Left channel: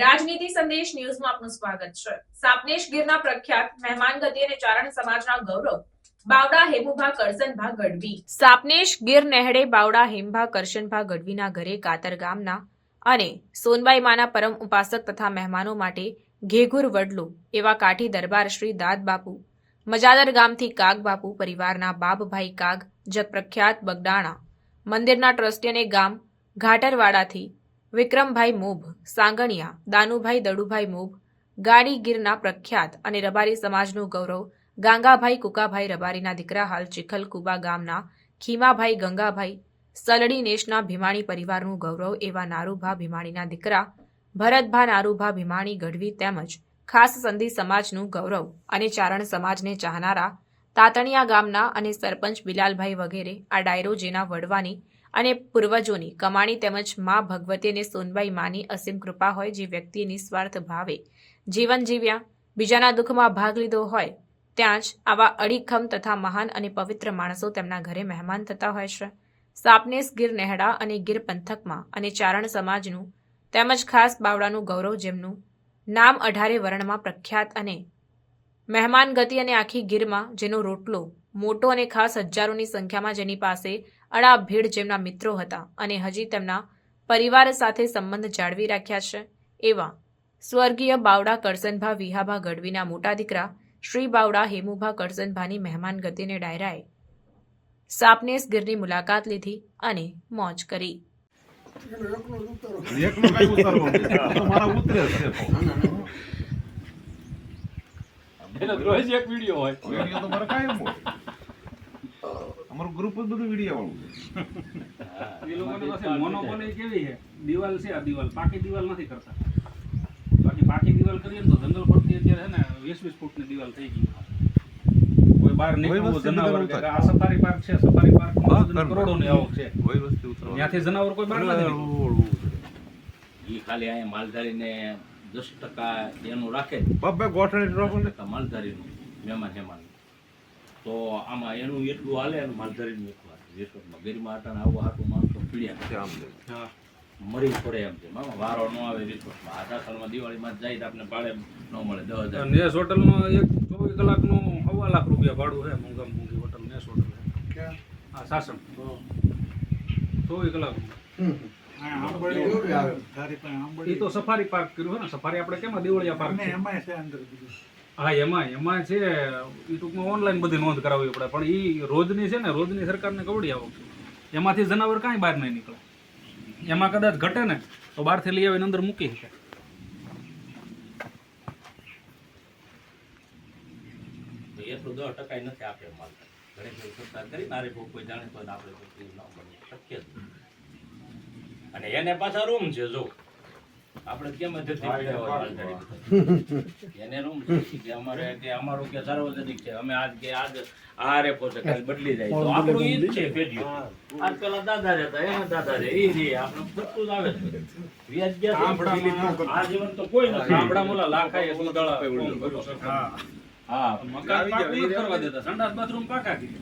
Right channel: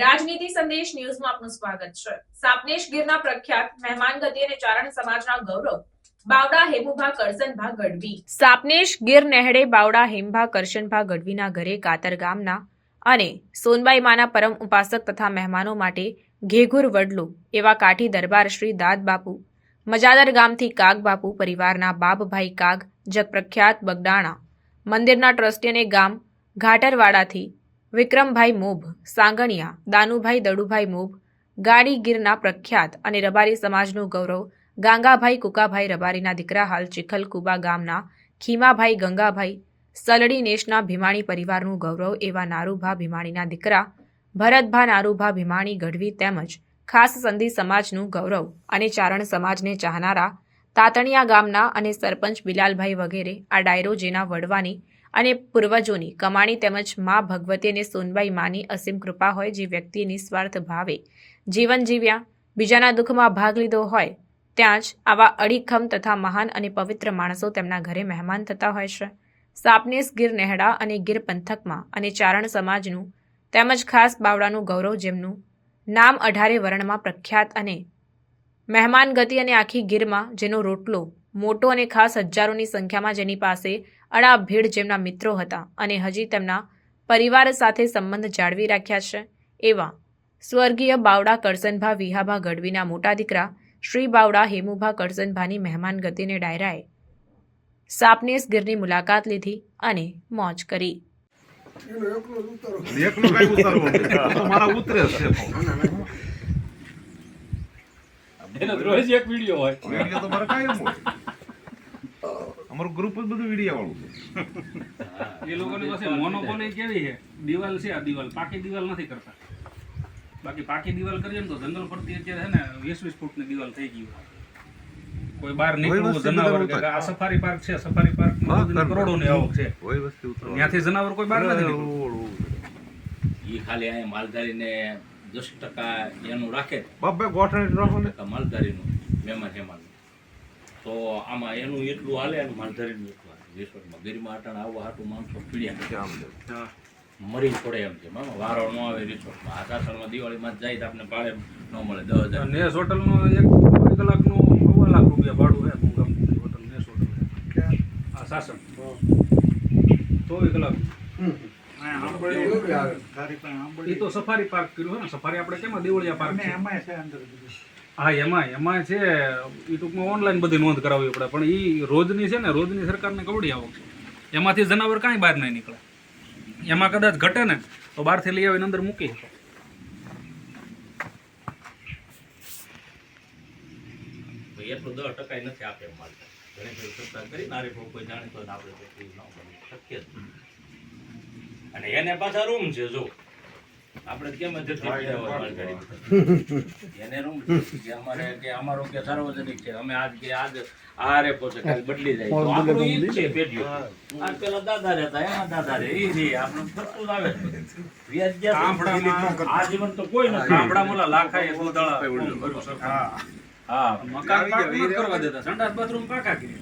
રાજનીતિ સંદેશ ન્યૂઝમાં આપનું સ્વાગત છે। સાપનેશ ગીરના પ્રખ્યાત મહેમાન ગતિ અને ચારણ સમાજના ગૌરવ બાવડા હેમુભા કરશનભા ગઢવી। સાપનેશ ગીર નેહડે બાવડા હેમભા કરશનભા ગઢવીના ઘરે કાતર ગામના અને સોનબાઈ માના પરમ ઉપાસક તથા મહેમાનો માટે ઘેઘુર વડલો એવા કાઠી દરબાર શ્રી દાદ બાપુ મજાદર ગામથી કાગ બાપુ પરિવારના બાબભાઈ કાગ જગપ્રખ્યાત બગડાણા મંદિરના ટ્રસ્ટી અને ગામ ઘાટરવાડાથી વિક્રમભાઈ મોભ સાંગણિયા દાનુભાઈ દડુભાઈ મોભ ગાડી ગીરના પ્રખ્યાત અને રબારી સમાજનું ગૌરવ ગાંગાભાઈ કુકાભાઈ રબારીના દીકરા હાલ ચિખલકુબા ગામના ખીમાભાઈ ગંગાભાઈ સલડી નેશના ભીમાણી પરિવારનું ગૌરવ એવા નારુભા ભીમાણીના દીકરા ભરતભા નારુભા ભીમાણી ગઢવી તેમજ ખાસ સંધી સમાજનું ગૌરવ અને ચારણ સમાજને ચાહનારા તાતણિયા ગામના અને સરપંચ બિલાલભાઈ વગેરે આ ડાયરો જેના વડવાની અને પૂર્વજોની કમાણી તેમજ મા ભગવતી અને સોનબાઈ માની અસીમ કૃપા હોય જે વ્યક્તિએ નિસ્વાર્થ ભાવે જીવન જીવ્યા બીજાના દુઃખમાં ભાગ લીધો હોય ત્યાં જ આવા અડીખમ તથા મહાન અને પવિત્ર માણસો તેમના ઘરે મહેમાન થતા હોય છે। સાપનેશ ગીર નેહડા અને ગીર પંથકમાં અને ચારણ સમાજનું તેમજ ખાસ બાવડાનું ગૌરવ જેમનું નામ 18 વર્ણમાં પ્રખ્યાત અને મહેમાન ગતિ અને આખી ગીરમાં જેનો રોટલો મોટો અને ખાસ હજારોની સંખ્યામાં જેની પાસે અડા ભીડ જેમના મિત્રો હતા અને હજી તેમના પરિવાર સાથે સંબંધ જાળવી રાખ્યા છે એવા સ્વર્ગીય બાવડા કરશનભા વિહાભા ગઢવીના મોટા દીકરા શ્રી બાવડા હેમુભા કરશનભાની મહેમાન ગતિને ડાયરાએ સાપનેશ ગીરની મુલાકાત લીધી અને મોજ કરી। રોજ એક વિડિયો હોય વિડિયો તો મારે કાયમ હોય અમારું ગ્રુપ જ બધું વિડિયો વાળું એ લોકોને પાસે મોનોપોલી કેવી છે દિવાલ છે આ દિવાલ પાકી દિવાલ નથી કરતા બાકી પાકી દિવાલ કરીએ ને તો જંગલ પડતી અત્યારે છે ને 20-20 ફૂટની દિવાલ થઈ ગઈ કોઈ બહાર નીકળવું જનાવર કે આ સફારી પાર્ક છે સફારી પાર્કમાં કરોડોની આવક છે કોઈ વસ્તુ ત્યાંથી જનાવર કોઈ બહાર નથી નીકળતું ઈ ખાલી અહીંયા માલધારીને 10% એનું રાખે બબ્બે ગોઠણ રાખો ને માલધારીનું મહેમાન હેમાન તો આમાં એનું એટલું હાલે અને માલધારીનું એટલું હાલે રિસોર્ટમાં ગરીમાં અટાણે આવવા હાટું માણસો પીડ્યા મરી પડે એમ છે મામા વારો ન આવે રિસોર્ટમાં આ સાસણમાં દિવાળીમાં જાય તો આપણે ભાડે ન મળે 10,000 નેસ હોટલમાં 1 કલાકનું 1.25 લાખ રૂપિયા ભાડું છે મુંગમ હોટલ નેસ હોટલ આ સાસણ 24 કલાક એ તો સફારી પાર્ક કર્યું છે ને સફારી આપણે કેમ દિવાળિયા પાર્ક છે હા એમાં છે એ ટૂંકમાં ઓનલાઈન બધી નોંધ કરાવવી પડે પણ એ રોજની છે ને રોજની સરકારને કવડી આવક છે એમાંથી જનાવર કાંઈ બહાર નહીં નીકળે એમાં કદાચ ઘટે ને તો બહારથી લઈ આવીને અંદર મૂકી શકે એટલું 10% નથી આપે માલ ઘણી બધી સરકાર કરી નારે કોઈ જાણે તો આપણે કોઈ ન મળે શક્ય જ અને એને પાછા રૂમ છે જો આપણે કેમ એને રૂમ છે અમારે કે અમારું કે સાર્વજનિક છે અમે આજ આરે પોતે કાલ બદલી જાય તો આપણું ઈ જ છે પેઢીઓ આજ પેલા દાદા રહેતા એના દાદા રહે ઈ રે આપણે બધું આવે વ્યાજ ગયા આ જીવન તો કોઈ નથી ગામડા મોલા લાખાએ દૂધળા હા મકાન કરવા દેતા સંડાસ બાથરૂમ પાકા કરી